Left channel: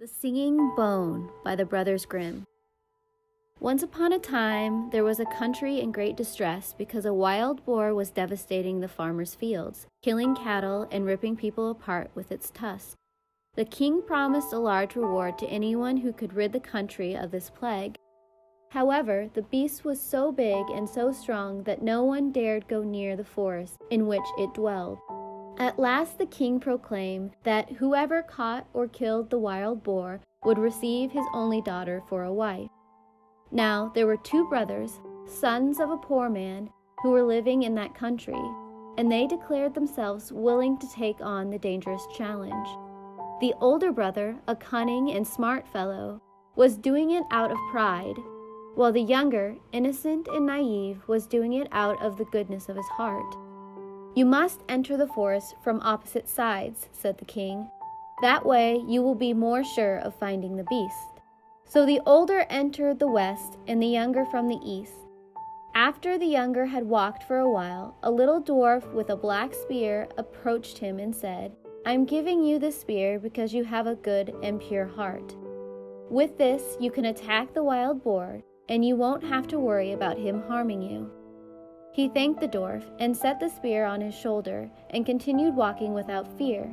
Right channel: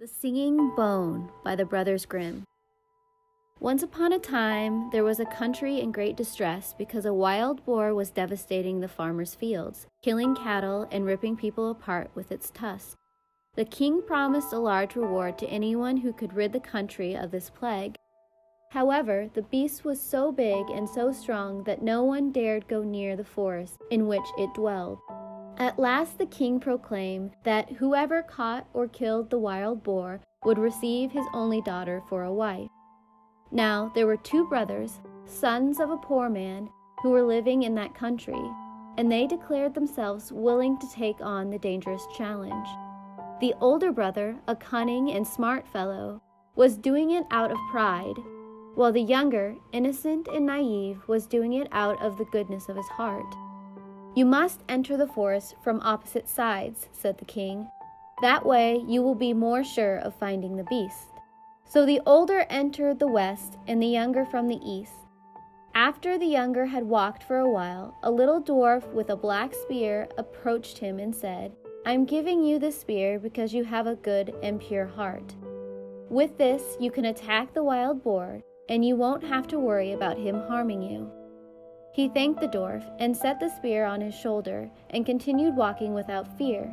The Singing Bone by the Brothers Grimm. Once upon a time, there was a country in great distress because a wild boar was devastating the farmers' fields, killing cattle and ripping people apart with its tusks. The king promised a large reward to anyone who could rid the country of this plague. However, the beast was so big and so strong that no one dared go near the forest in which it dwelled. At last the king proclaimed that whoever caught or killed the wild boar would receive his only daughter for a wife. Now there were two brothers, sons of a poor man, who were living in that country, and they declared themselves willing to take on the dangerous challenge. The older brother, a cunning and smart fellow, was doing it out of pride, while the younger, innocent and naive, was doing it out of the goodness of his heart. "You must enter the forest from opposite sides," said the king. "That way you will be more sure of finding the beast." So the older entered the west and the younger from the east. After the younger had walked for a while, a little dwarf with a black spear approached him and said, "I'm giving you this spear because you have a good and pure heart. With this you can attack the wild boar, and you won't have to worry about him harming you." He thanked the dwarf and set the spear on his shoulder and continued walking without fear.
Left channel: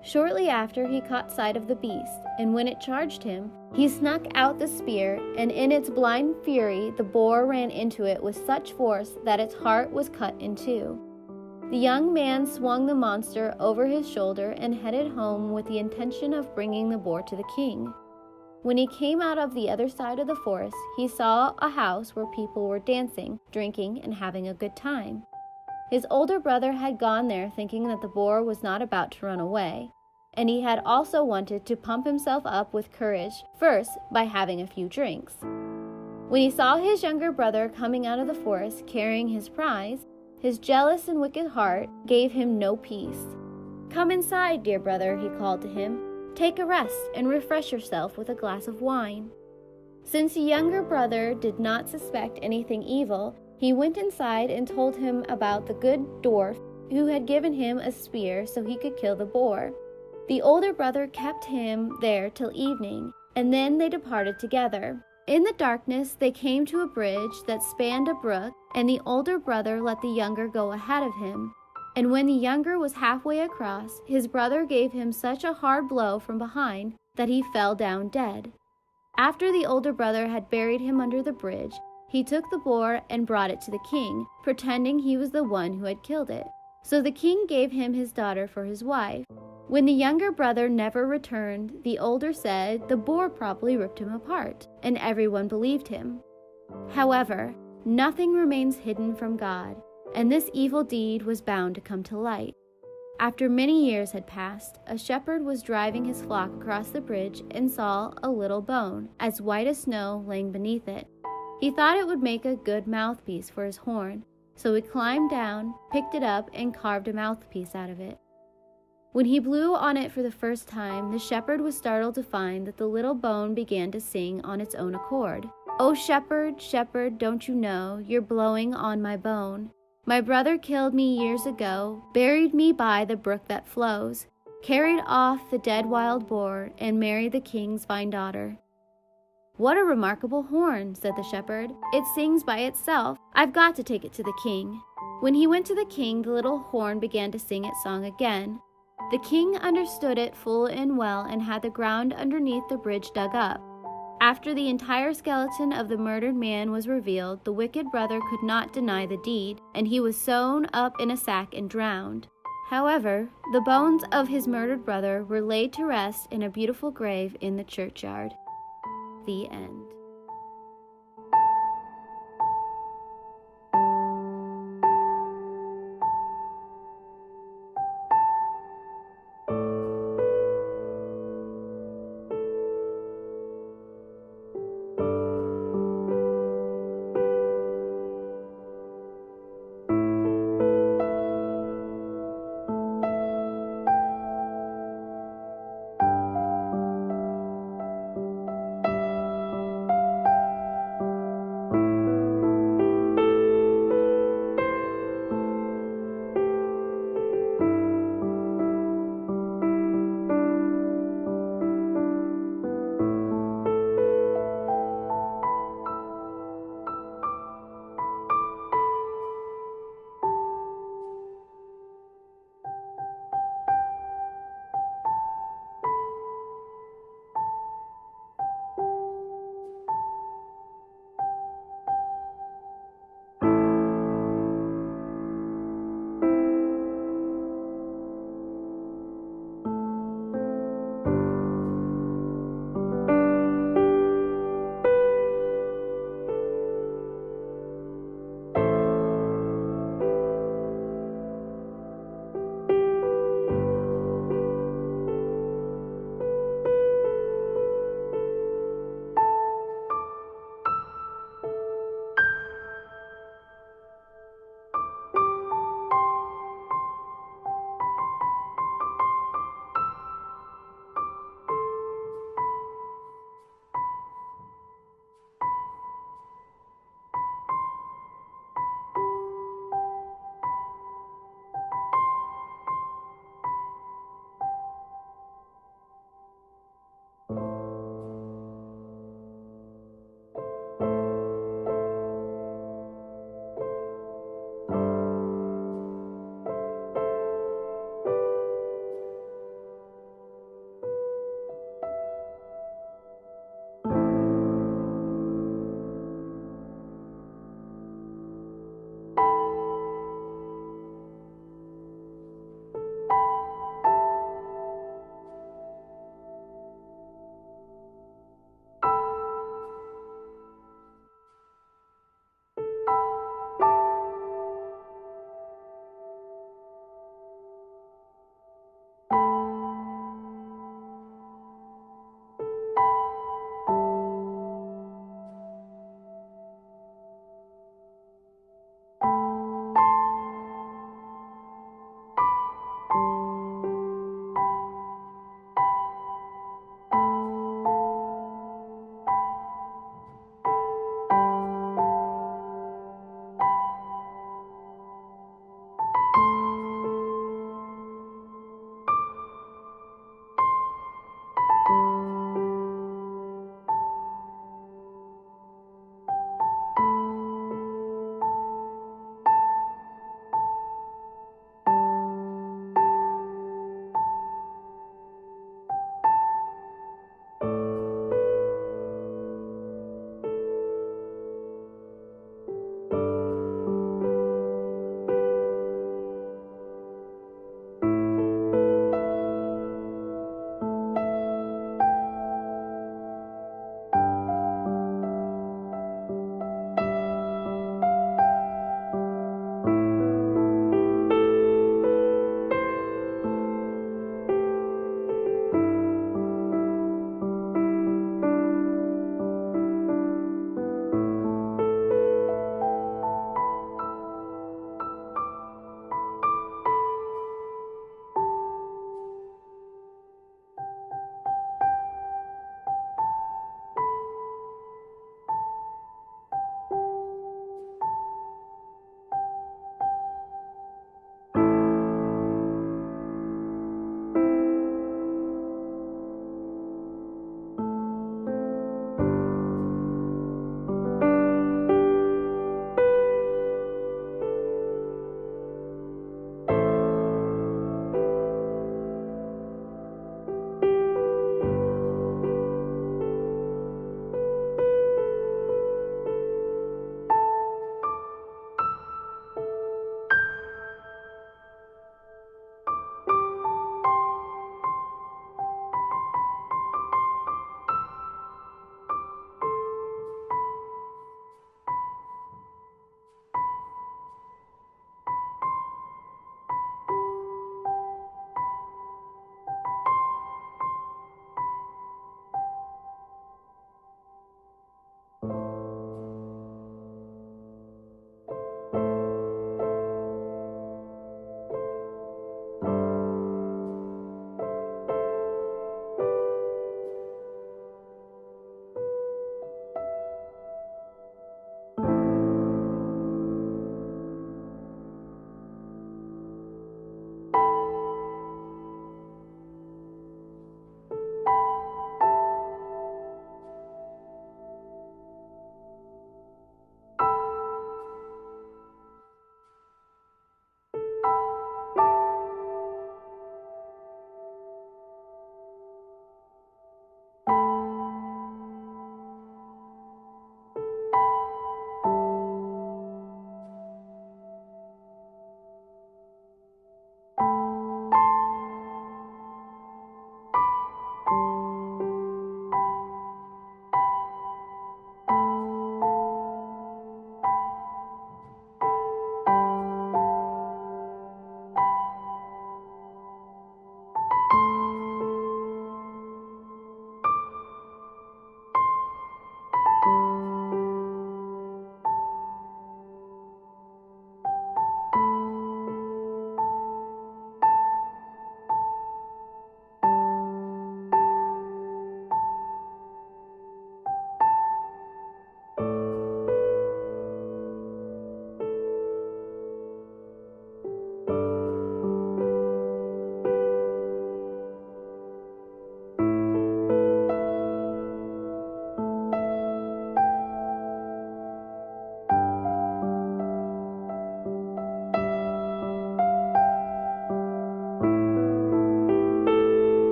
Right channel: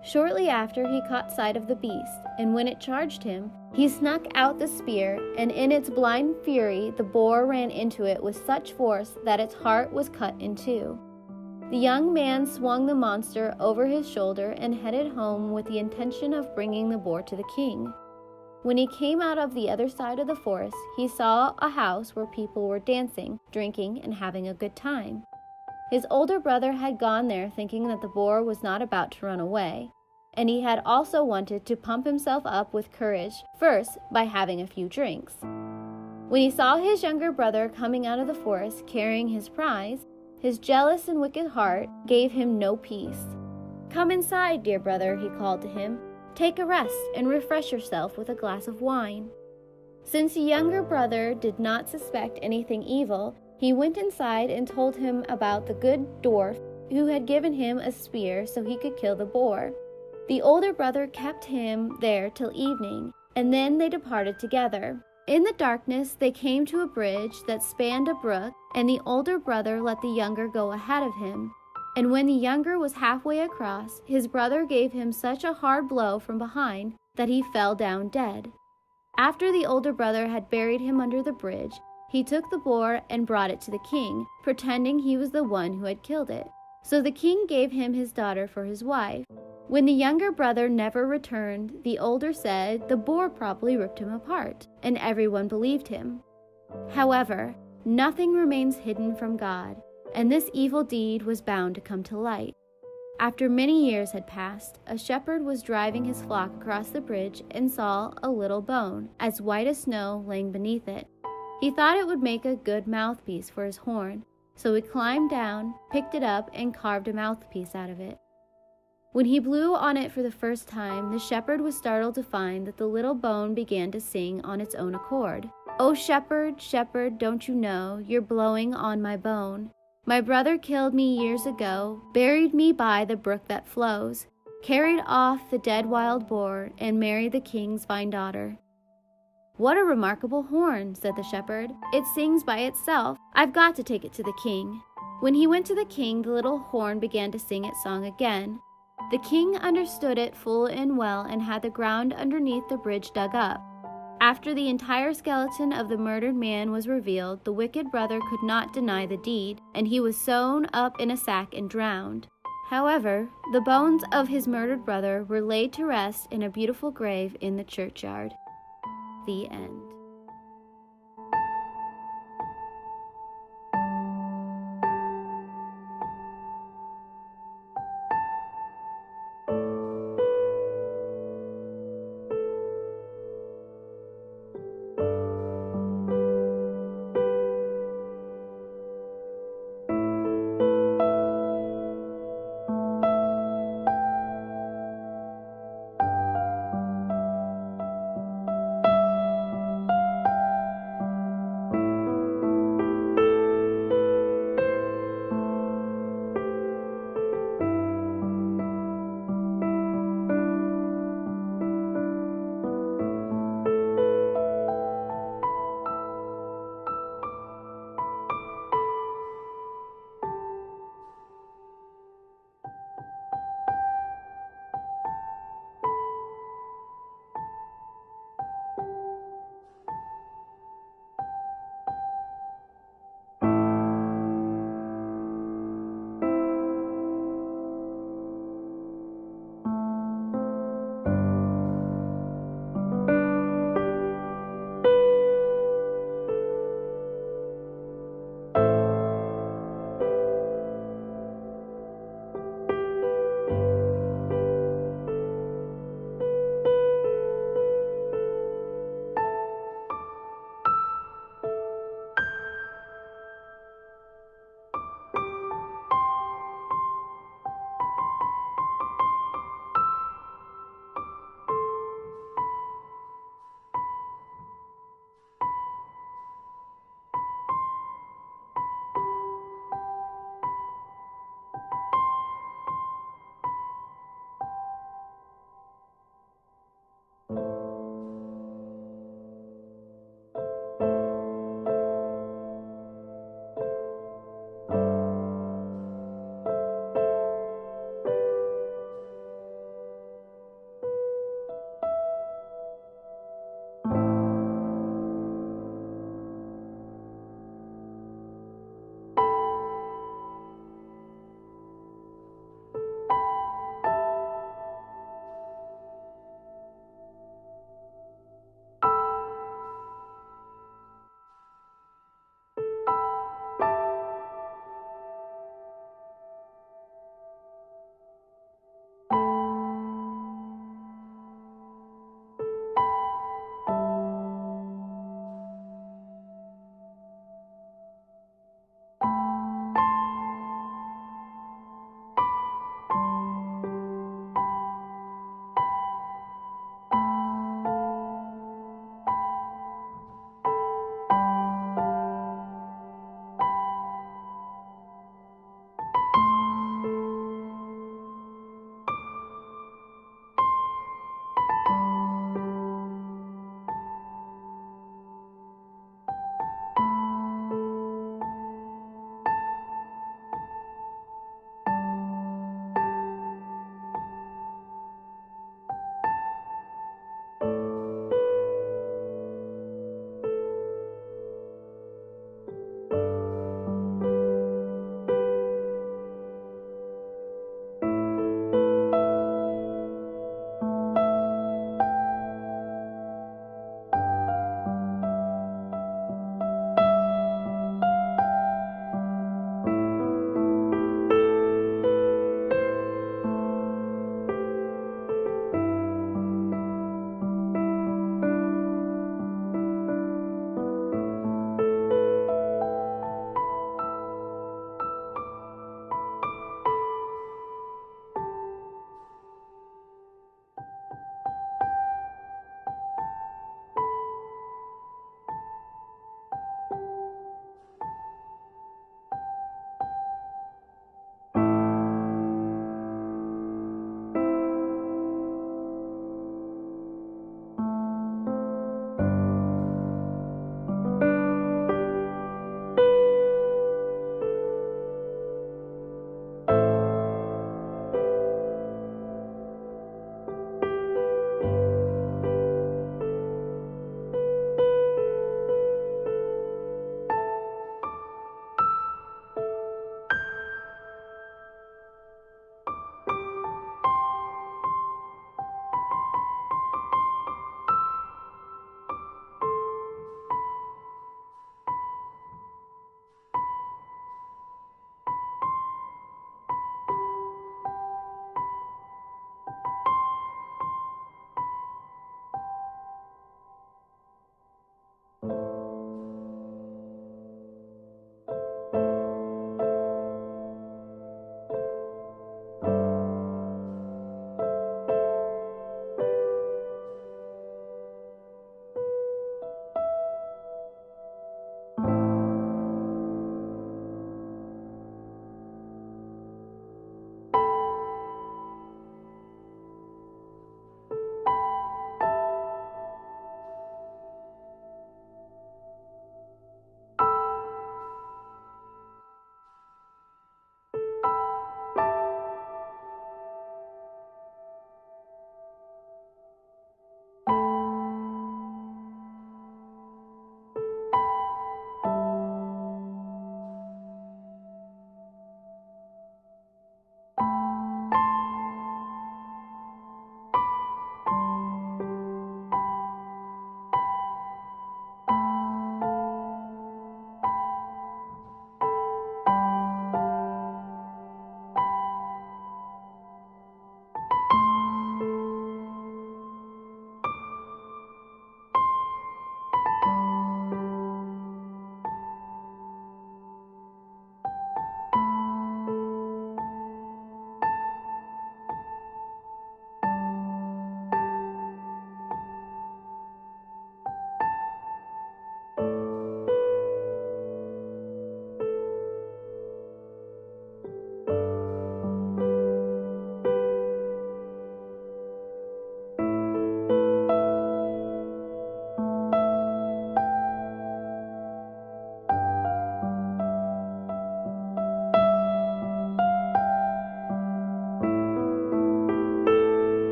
Shortly after, he caught sight of the beast, and when it charged him, he snuck out the spear, and in its blind fury the boar ran into it with such force that its heart was cut in two. The young man swung the monster over his shoulder and headed home with the intention of bringing the boar to the king. When he came out of the other side of the forest, he saw a house where people were dancing, drinking, and having a good time. His older brother had gone there thinking that the boar was not about to run away, and he had also wanted to pump himself up with courage, first by having a few drinks. When he saw his younger brother coming out of the forest carrying his prize, his jealous and wicked heart gave him no peace. "Come inside, dear brother," he called to him. "Take a rest and refresh yourself with a glass of wine." Since the younger brother did not suspect anything evil, he went inside and told him about the good dwarf who had given him a spear so he could kill the boar. The older brother kept him there till evening, and then they departed together. In the darkness, they came to a bridge that spanned a brook, and the older brother let the younger go ahead of him. And when the younger was halfway across, his brother gave him such a hard blow from behind that he fell down dead. After the older brother had buried him under the bridge, he took the boar and brought it to the king, pretending he was the one who had killed it. So the king gave him his daughter for his wife. When the younger brother never returned, the older said the boar probably ripped him apart, and everyone believed him. However, nothing remains hidden from God, and this evil deed was bound to come to light. After many years had passed, a shepherd was driving his flock across the bridge and saw a little bone, as white as snow, laying beneath it. He thought it would make a good mouthpiece for his horn, so he climbed down, picked it up, and carved a mouthpiece out of it. When he blew on it for the first time, the shepherd was startled to find that the little bone began to sing on its own accord. "Oh, shepherd, shepherd, don't you know you're blowing on my bone? My brother killed me years ago, buried me by the brook that flows, carried off the dead wild boar, and married the king's fine daughter." "What a remarkable horn," said the shepherd. "It sings by itself. I've got to take it to the king." When he went to the king, the little horn began to sing its song again. The king understood it full and well and had the ground underneath the bridge dug up. After the entire skeleton of the murdered man was revealed, the wicked brother could not deny the deed, and he was sewn up in a sack and drowned. However, the bones of his murdered brother were laid to rest in a beautiful grave in the churchyard. The end.